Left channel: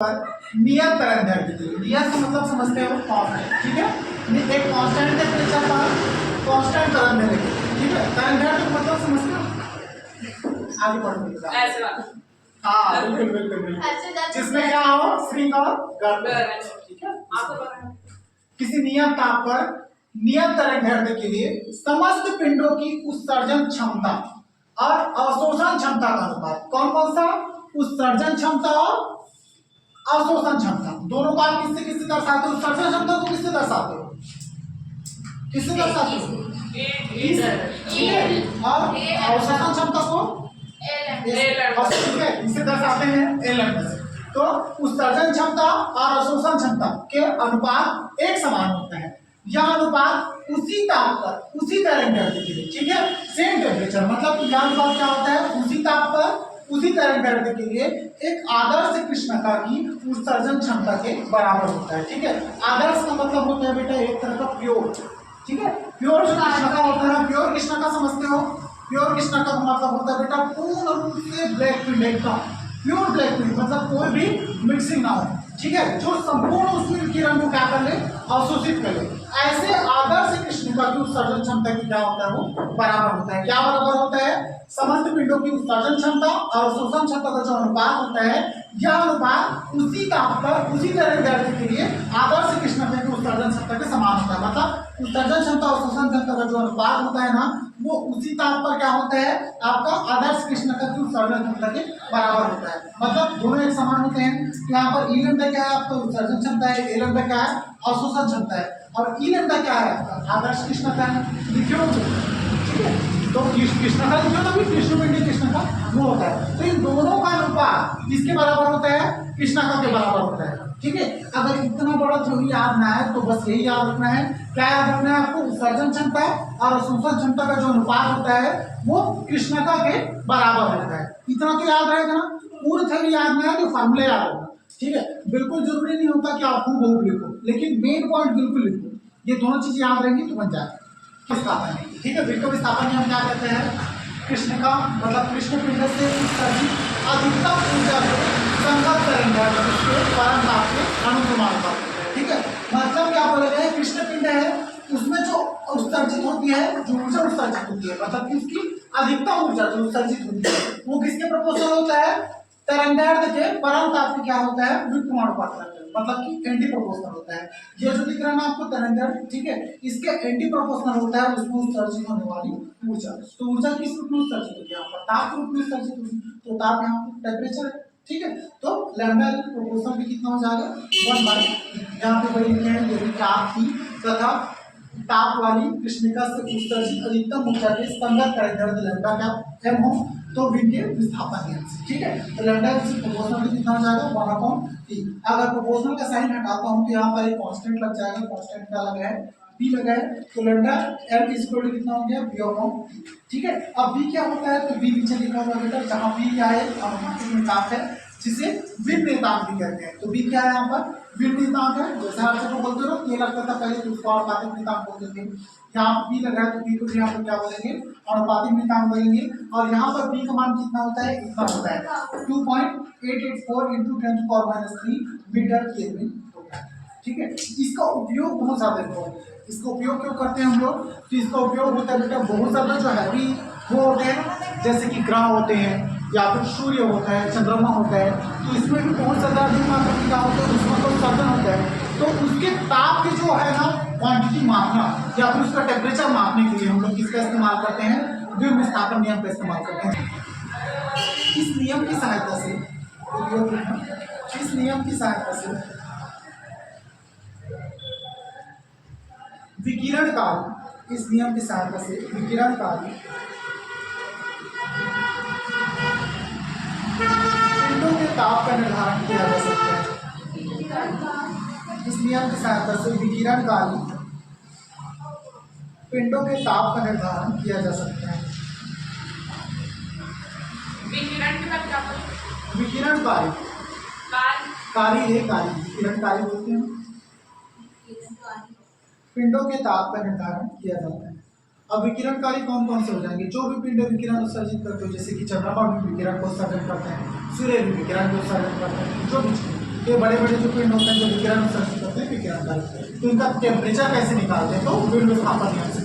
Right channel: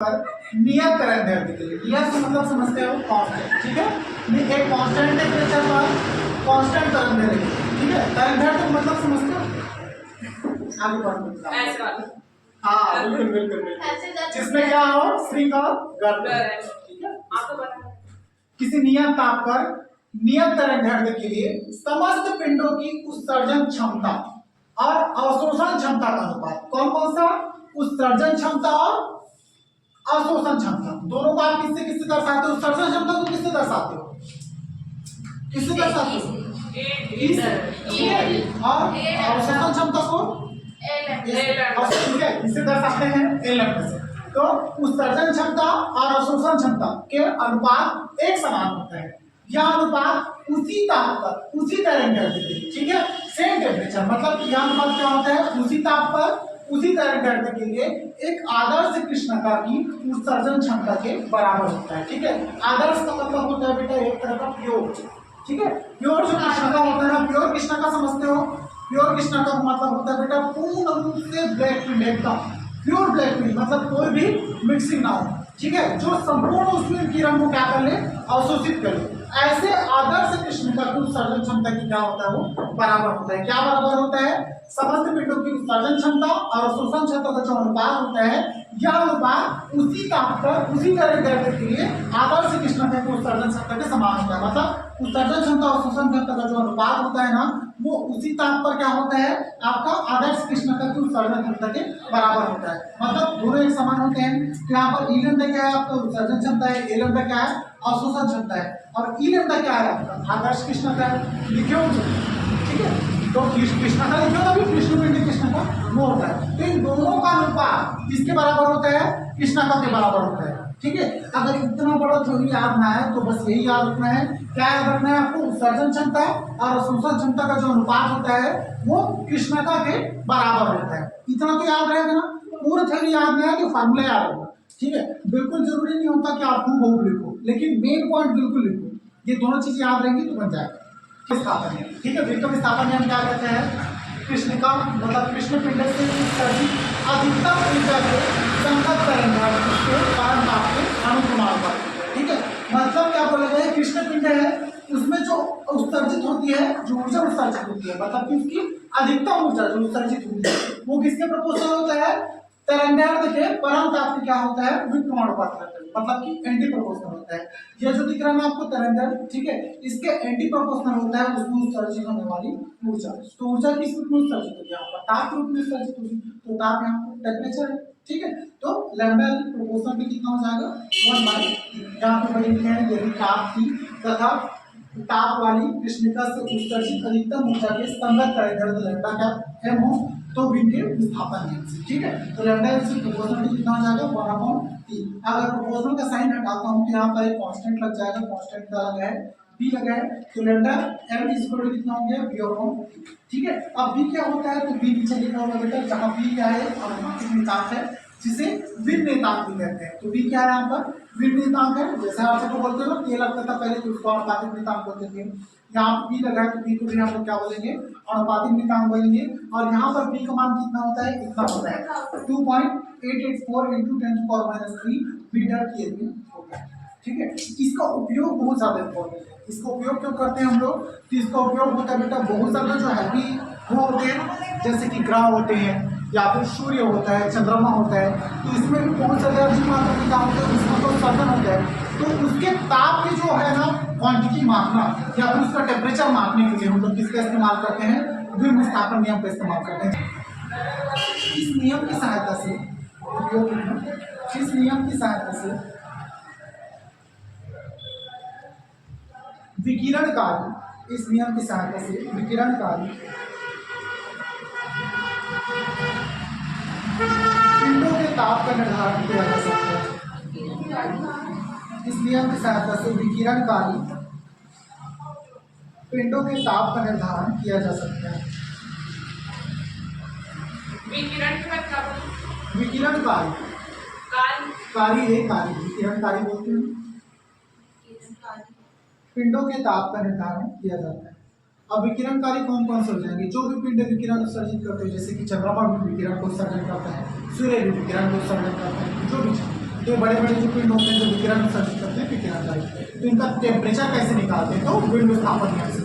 पर नियत तरंग दैर्ध्य के लिए, नियत का मतलब समझते हो कांस्टेंट, ठीक है। एक कांस्टेंट टेम्परेचर पर कांस्टेंट तरंग दैर्ध्य, ठीक है। तरंग दैर्ध्य का मतलब समझते हो, आगे पढ़ो ऐसे वाला। हाँ बिल्कुल बिल्कुल बिल्कुल, जिसमें क्या हो स्प्रिंग और गर्म, ठीक है। आपको पता है किसी नियत ताप पर नियत तरंग दैर्ध्य के लिए समस्त पिंडों की उत्सर्जन क्षमता और अवशोषण क्षमता का अनुपात, कौन कौन सा, उत्सर्जन क्षमता और अवशोषण क्षमता, दोनों को आप किससे किससे दर्शाते हो, उत्सर्जन क्षमता को किससे दर्शाते हो, किससे दर्शाते हो, और अवशोषण क्षमता को इसे दर्शाते हैं एलएम से। तो उत्सर्जन क्षमता और अवशोषण क्षमता के अनुपात एक समान होता है। यह अनुपात उसी ताप पर उसी तरंग दैर्ध्य के लिए, ठीक है, सेम टेम्परेचर, मतलब यह अनुपात क्या होता है, उसी ताप पर उसी तरंग दैर्ध्य के लिए एक आदर्श कृष्णका की उत्सर्जन क्षमता के बराबर होता है, ठीक है। आदर्श का मतलब होता है बेटा एक तरह का प्योर, ठीक है। प्योर जो कृष्णका होता है ना, प्योर कृष्णका समझते हो, प्योर कृष्णका का मतलब होता है बेटा पूर्ण रूप से ब्लैक प्रिंट, एकदम प्योर ब्लैक प्रिंट, मतलब कोई भी मिक्सिंग ना हो, ठीक है, जो संपूर्ण उसमें किरण को क्या कर ले, अवशोषित कर ले। ऐसे आदर्श कृष्णका की उत्सर्जन क्षमता की क्या होता है, वो बराबर होता है। क्या बराबर होता है, समस्त पिंडों की उत्सर्जन क्षमता और अवशोषण क्षमता का जो अनुपात होता है, यह अनुपात उसी ताप पर उसी तरंग दैर्ध्य के लिए आदर्श कृष्णका की उत्सर्जन क्षमता के समान होता है। मतलब उत्सर्जन क्षमता और अवशोषण क्षमता का जो अनुपात होता है ना, वो उसी ताप पर क्या होता है, आपका आदर्श कृष्णका की उत्सर्जन क्षमता के बराबर होता है। मतलब दोनों एक समान होते हैं। तो यहाँ पर ई लैम्डा क्या है, आपका उत्सर्जन क्षमता है, ए लैम्डा क्या है, अवशोषण क्षमता है, और ई लैम्डा क्या है, आपका आदर्श कृष्णका है, लिखे हो, ठीक है। तो कृष्णका लिखे ना, भी कृष्णपिंडी कृष्णका वो होता है। तो इन दोनों का अनुपात किसके बराबर होता है, कृष्णका के बराबर होता है, ठीक है। अगर इतना बड़ा थ्योरी याद ना है तो बस यही याद रखना है, क्या याद रखना है आपको, उत्सर्जन क्षमता और अवशोषण क्षमता का जो अनुपात होता है वो कृष्णका के बराबर होता है। इतना तो याद रहेगा ना, पूरी थ्योरी याद नहीं है तो फार्मूला याद रखना, ठीक है। बिल्कुल जरूरी नहीं होता कि आप खूब लिखो, लेकिन मेन पॉइंट बिल्कुल लिखो, ये दोनों चीजें याद रहेंगी तो बन जाएगा। विस्थापन है, ठीक है। विक्रम विस्थापन में हम क्या करते हैं, कृष्णका मतलब कृष्णपिंड से उत्सर्जित अधिकतम ऊर्जा को संगत करेंगे उसके परम ताप के अनुक्रमाण पर, ठीक है। मतलब क्या बोले गए, कृष्णपिंड है उसमें जो उत्सर्जित होती है, जो ऊर्जा उत्सर्जित होती है, मतलब कि उसकी अधिकतम ऊर्जा जो उत्सर्जित होती है वो किसके प्रोपोर्शनल होता है, तरंग दैर्ध्य के परम ताप में क्या होता है, विक्रमण अनुपात, मतलब कि एंटी प्रोपोर्शनल होता है। ये जो दिख रहा है ना आपको तरंग दैर्ध्य, ठीक है, इसके एंटी प्रोपोर्शनल होता है उसमें उत्सर्जित होने वाली ऊर्जा। तो ऊर्जा किस रूप में उत्सर्जित होगी, यहाँ पर ताप रूप में उत्सर्जित होगी, तो ताप यहाँ पर टेम्परेचर है, ठीक है। तो लैम्डा प्रोपोर्शनल भी कितना हो जाएगा, 1/, यहाँ पे बड़ी लिखे हैं यही ताप थी तथा ताप वाली कृष्णिका से उत्सर्जित अधिकतम ऊर्जा के संगत तरंग दैर्ध्य लैम्डा क्या एम हो, तो विद्युत विस्थापन नियम से, ठीक है। तो लैम्डा इससे प्रोपोर्शनल कितना हो जाएगा, 1/T। अगर प्रोपोर्शनल का साइन हटाता हूं तो यहाँ पर एक कांस्टेंट लग जाएगा, कांस्टेंट क्या लगा है, b लगा है, तो लैम्डा m इक्वल टू कितना हो गया, b/T, ठीक है। अब b क्या होता है, तो b नीचे लिखा हुआ बेटा, जहां b क्या है, अनुपातिक नियतांक है जिसे विन नियतांक भी कहते हैं। तो b क्या है, यहाँ पर विन नियतांक है, जैसे आप सबको बोलते हो ना, ये लगता था पहले तो उसको अनुपातिक नियतांक बोलते थे, यहाँ b लगा है तो b को भी यहाँ पर क्या बोलेंगे, अनुपातिक नियतांक बोलेंगे। और यहाँ पर b का मान कितना होता है, इतना होता है 2.884 × 10⁻³ मीटर केल्विन होता है, ठीक है। इसका उपयोग बहुत ज्यादा इम्पोर्टेंट है। इसका उपयोग क्यों करते हैं हम लोग, तो इसका उपयोग होता है बेटा बहुत ज्यादा जो हैवी वो होते हैं, जैसे कि ग्रह होते हैं या फिर सूर्य होता है, चंद्रमा होता है, तो इसमें भी बहुत ज्यादा अधिक मात्रा में क्या होता है, उसमें तो उत्सर्जन होता है, तो उसके ताप के जो है ना क्वांटिटी मापना या फिर उसका टेम्परेचर मापने के लिए हम लोग किसका इस्तेमाल करते हैं, विक्रम विस्थापन नियम का इस्तेमाल करते हैं। इस नियम की सहायता से उपयोग करना, इस नियम की सहायता से विकिरणकारी, इस नियम की सहायता से विकिरणकारी पिंडों के ताप का निर्धारण किया जा सकता है। इस नियम की सहायता से विकिरणकारी पिंडों के ताप का निर्धारण किया जा सकता है। विकिरण के बाद क्या बोलते, विकिरणकारी, कारी है, कारी विकिरणकारी बोलते हैं। पिंडों के ताप का निर्धारण किया जाता है। अब विकिरणकारी कौन कौन से हो जाएंगे, जो भी पिंड विकिरण उत्सर्जित करते हो, जैसे कि चंद्रमा भी विकिरण को उत्सर्जन करता है, सूर्य भी विकिरण को उत्सर्जन करता है, जो भी ये बड़े बड़े जो पिंड होते हैं जो विकिरण उत्सर्जित करते हैं विकिरण का, तो इनका टेम्परेचर कैसे निकालते हैं, तो विंड विस्थापन नियम से